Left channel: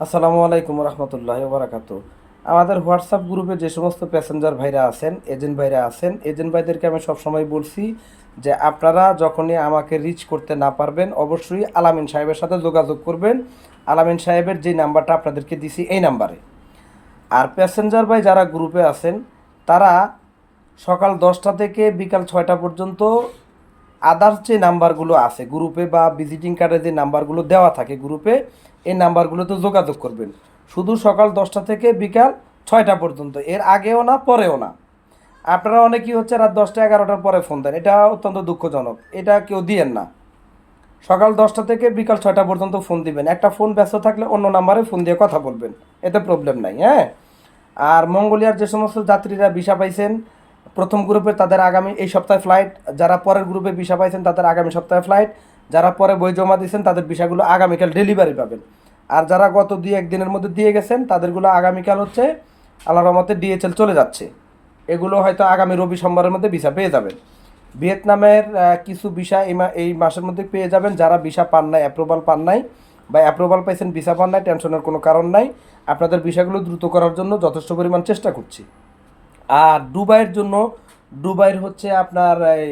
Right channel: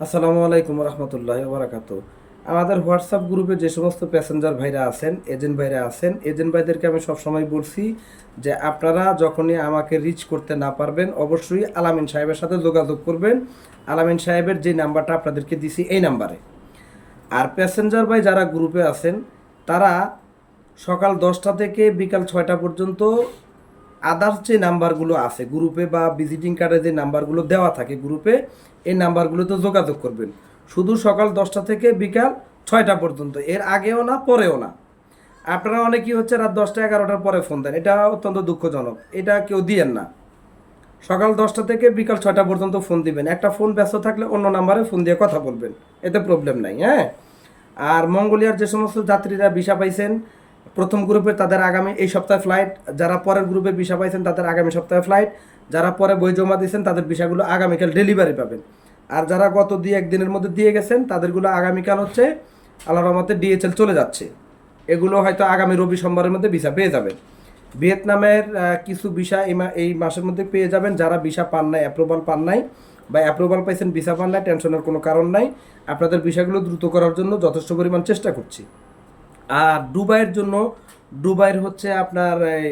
আসসালামু আলাইকুম রহমতুল্লাহি বারাকাতু। আমাদের হোয়াটসঅ্যাপ গ্রুপে যে সমস্ত প্যাসেঞ্জার ভাইরা আছেন, এজেন্ট ভাইরা আছেন, এজেন্ট ভাইদেরকে আমি সবসময় বলছি যে আপনারা যখনই আমাকে রিচ করতে না পারবেন অবশ্যই আলামিন সাহেবের সাথে যোগাযোগ করবেন। আলামিন সাহেবের যে নাম্বারটা আপনাদেরকে দিছি এই নাম্বারে। আর প্যাসেঞ্জার ভাই যারা গ্রুপে আছেন তারা সকাল 10টা থেকে বিকাল 6টা পর্যন্ত আদার্স যে নাম্বারগুলো আছে গ্রুপে বা ভিজিটিং কার্ডে যে নাম্বারগুলো দেওয়া থাকে গ্রুপে, এই নাম্বারগুলোতে যোগাযোগ করবেন। শুধু সকাল 10টা থেকে বিকাল 6টা পর্যন্ত, এর আগেও না পরেও না। আপনারা অনেকেই হচ্ছে রাত 10টা 11টার পরে ফোন দেন, এটা অত্যন্ত দুঃখজনক, এটা কেউ দিয়েন না। সকাল 10টা থেকে বিকাল 6টা পর্যন্ত ফোন দিবেন। একটা ফোন ব্যস্ত থাকলে অন্য নাম্বারে ফোন দিয়ে কথা বলবেন, এতে প্রবলেম নাই। হ্যাঁ, আর মঙ্গোলিয়ার যে সমস্ত যাত্রীরা ভিসা পাইছেন প্রথম গ্রুপে, তাদের আগামী এই সপ্তাহে ফ্লাইট। যারা পরের গ্রুপে ভিসা পাইছেন তাদের আগামী সপ্তাহে ফ্লাইট। যারা পরে বই জমা দিয়েছেন তাদের ভিসাগুলো আগামীকাল ডেলিভারি পাবেন। আর যারা গত 2-1 দিনের মধ্যে দিয়ে গেছেন তাদেরগুলো আগামীকাল হচ্ছে আল্লাহর রহমতে ডিএচএল চলে যাচ্ছে। এগুলো হয়তো আগামী রবি সোমবারের মধ্যে ভিসা পেয়ে যাবেন। ভিয়েতনামের কিছু ভিসা এই মাসের মধ্যে পেয়ে যাবেন। যারা ভিসা পান নাই, অ্যাপ্রুভাল পান নাই বা অ্যাপ্রুভাল পাইছেন ভিসা পান নাই, টেনশনের কোনো কারণ নাই। আপনাদের ভিসাগুলো দ্রুত করার জন্য যথেষ্ট পরিমাণ চেষ্টা করছি। আর দুবাইয়ের জন্য, দুবাইয়ের হচ্ছে আপনার এই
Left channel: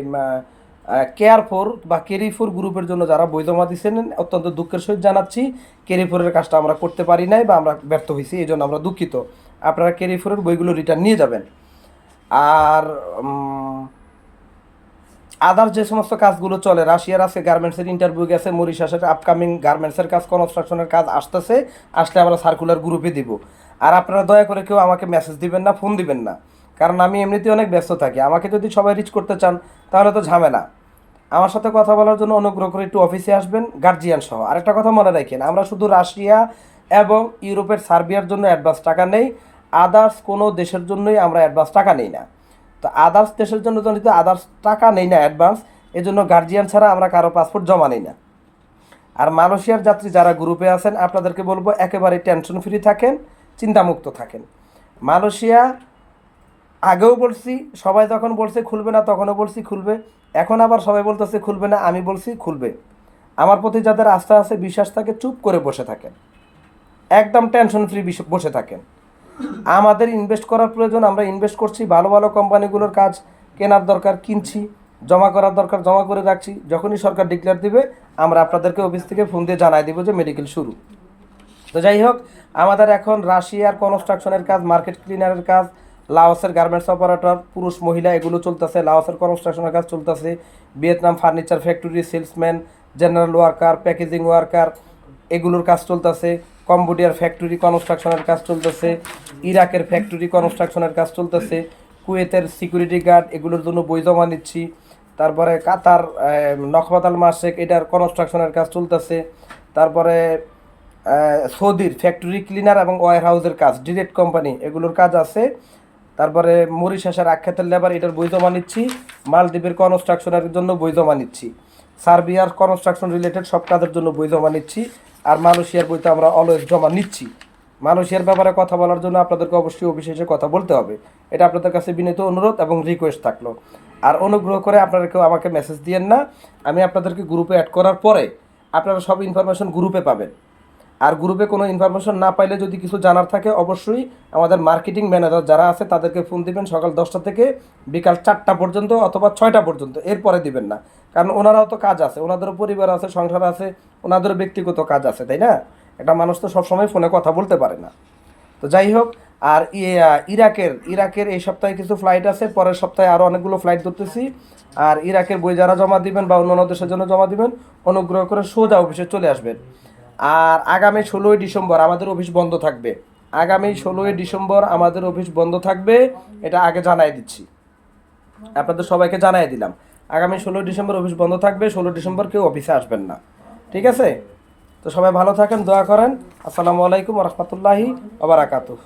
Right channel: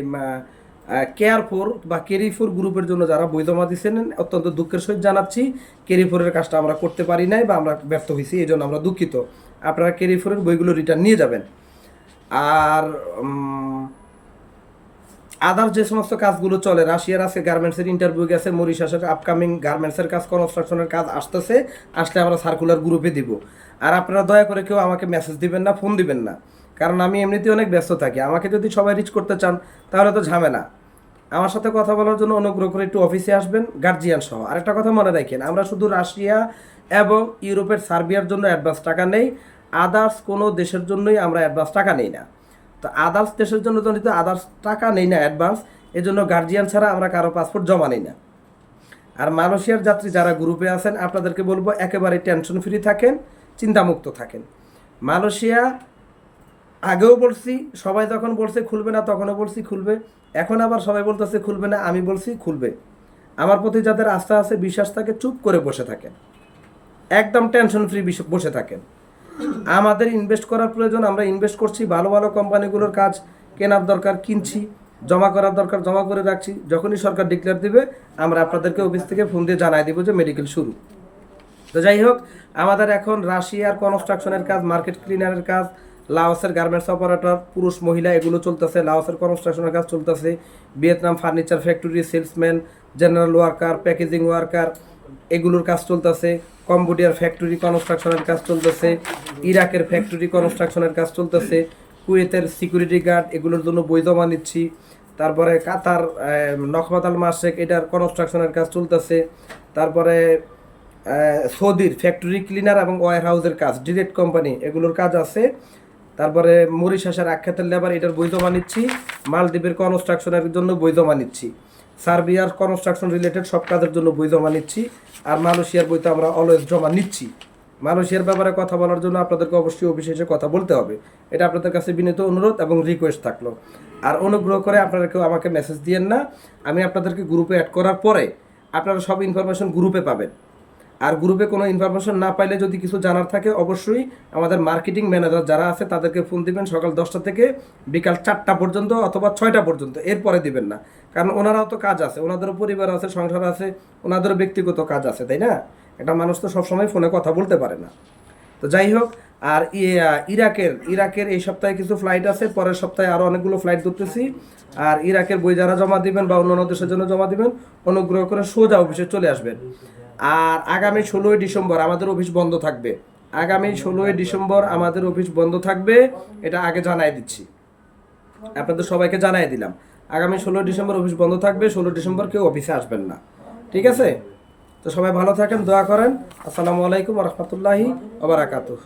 কেয়ার ফোর বা কেরি ফোর গ্রুপের জন্য যারা বই জমা দিচ্ছেন, অত্যন্ত দুঃখের সহিত জানাচ্ছি কেরি ফোরের কাজটা আমরা করতে পারি নাই বা আমরা ব্যর্থ হয়েছি, এই জন্য আমরা দুঃখিত। আপনারা কেরি ফোরের বইগুলো রিটার্ন নিয়ে যাবেন। আর আদার যে সমস্ত কাজগুলো চলে, রাশিয়ার আছে গার্মেন্টসের ইন্টারভিউ গেছে, মরিশাসের আপকামিং গার্মেন্টসের কাজ, কনস্ট্রাকশনের কাজ আসতেছে, আসলে আমরা সার্কুলার গ্রুপে দিব। আর আপনারা দয়া করে কেউ আমাকে মেসেজ দিবেন না, ফোন দিবেন না, কারণ আমি এমনিতেই অনেক ব্যস্ত থাকি। আমাকে যদি সবাই রিচ করতে চান তাহলে তো ঝামেলা। আমার সাথে কথা বলার জন্য অনুগ্রহ করে একটু অফিসে আসবেন গার্জিয়ান সহ। আরেকটা কথা মনে রাখেন, আমরা শুধু রাশিয়া এবং ইউরোপের সার্বিয়ার জন্য অ্যাডভান্স টাকা নেই, আদার্স কোনো দেশের জন্যই আমরা অ্যাডভান্স টাকা নেই না। তো আদার্স দেশের জন্য তো আদার্স টাকা নেই না অ্যাডভান্স, এজন্য গার্জিয়ান ছাড়া আমরা কারো পাসপোর্ট জমা নেই না। আর মালয়েশিয়ার যাত্রী যারা গ্রুপে আছেন আপনাদেরকে বলবো একেবারে টেনশন ফ্রি থাকেন, চিন্তামুক্ত থাকেন। মালয়েশিয়া আগেও বলছি, সবাই যখন বলছে খুলবে না তখনও বলছি খুলবে, এখন আবার সবাই বলতেছে খুলবে না, আমি বলছি খুলবে। আমার প্রতি যাদের আস্থা আছে, বিশ্বাস থাকে, চুপ করে বসে থাকেন, একদম টেনশন ফ্রি বসে থাকেন। আমাদের ইনভেস্ট করার প্রয়োজন, আমরা ইনভেস্ট করছি, ভালো ভালো কোম্পানিগুলোর কাজ কেনার দরকার কিনছি, জমা করার দরকার জমা করে রাখছি। যখনই সরকার ডিক্লেয়ার দিবে আমরা আপনাদেরকে অফিস থেকে ফোন দিয়ে জানাই দেবো যে মেডিকেল শুরু। তো যাই হোক, আমাদের এখন রাশিয়ার কনস্ট্রাকশনের কাজ, মার্কেট ক্লিনারের কাজ, লাওসের গার্মেন্টস অপারেটর পুরুষ মহিলা এগুলো চলতেছে, লাওসের কনস্ট্রাকশনের কাজ চলতেছে, Vietnam furniture factory salesman, general worker, packaging worker এগুলোর কাজ চলতেছে, কম্বোডিয়ার ফ্যাক্টরি কনস্ট্রাকশনের কাজ চলতেছে, ইরাকের ফ্যাক্টরি কনস্ট্রাকশনের কাজ চলতেছে, কুয়েতের সিকিউরিটি গার্ড এগুলোর জন্য বই জমা নিচ্ছি। তারপরে কাতার নকবাত আল মাসেক এটার কনস্ট্রাকশনের কাজ চলতেছে। তারপরে সৌদির ফ্যাক্টরি ক্লিনার এবং ওয়ার হাউসের কাজ, ডিরেক্ট কোম্পানি এগুলোর কাজ আছে। তারপরে মরিশাসের আখ্যাতের লেবার এটার বই জমা নিচ্ছি, মালদ্বীপের কনস্ট্রাকশনের জন্য বই জমা নিচ্ছি, সার্বিয়ার কনস্ট্রাকশন রিলেটেড সব কাজের জন্য বই জমা নিচ্ছি। আর মালয়েশিয়ার বই তো আমরা অলওয়েজ জমা নিচ্ছি। মালয়েশিয়ার ব্যাপারে কথা বলার জন্য আপনাদেরকে অবশ্যই অফিসে এসে কথা বলতে হবে, এটা আপনাদের কাছে বিনীত অনুরোধ এবং রিকোয়েস্ট থাকলো। আর অনুগ্রহ করে আপনারা কেউ আমাকে মেসেজ দিয়েন না, আমি আপনাদেরকে গ্রুপে অ্যাড করার পরে আপনারা সব ইনফরমেশন গ্রুপে পাবেন। আর গ্রুপে কোনো ইনফরমেশন না পাইলে যদি কিছু জানার থাকে অবশ্যই আমাদের মার্কেটিং ম্যানেজার যারা আছে তাদেরকে ফোন দিবেন সকাল 10টা থেকে বিকাল 4টা পর্যন্ত অথবা 6টা পর্যন্ত, এরপরে দিবেন না। কারণ ওনারাও তো কাজ আছে, ওনাদেরও পরিবার আছে, সংসার আছে, ওনাদেরও ব্যক্তিগত কাজ আছে, তাই না? একটা মানুষ তো সবসময় ফোনে কথা বলতে পারে না। তো যাই হোক, আর ইরাকের এই সপ্তাহে কিছু ফ্লাইট আছে, পরের সপ্তাহে আরও অনেকগুলো ফ্লাইট ধরতেছি। আর ইরাকের বই যারা জমা দিবেন বা অন্য দেশের জন্য জমা দিবেন অনুগ্রহ করে সোজা অফিসে চলে আসবেন। আর আগামী 16ই ডিসেম্বর আমাদের অফিস বন্ধ থাকবে, আগামী 16ই ডিসেম্বর আমাদের অফিস বন্ধ থাকবে, এটা আগে জানাই দিচ্ছি, আপনাদের সবাইকে জানাই দিলাম। আগামী 16ই ডিসেম্বর অফিস বন্ধ থাকবে, 16 ডিসেম্বর কেউ অফিসে আসবেন না, ঠিক আছে? তো সবাই ভালো থাকেন, দোয়া করেন। আসসালামু আলাইকুম রহমতুল্লাহি ওয়া বারাকাতুহু।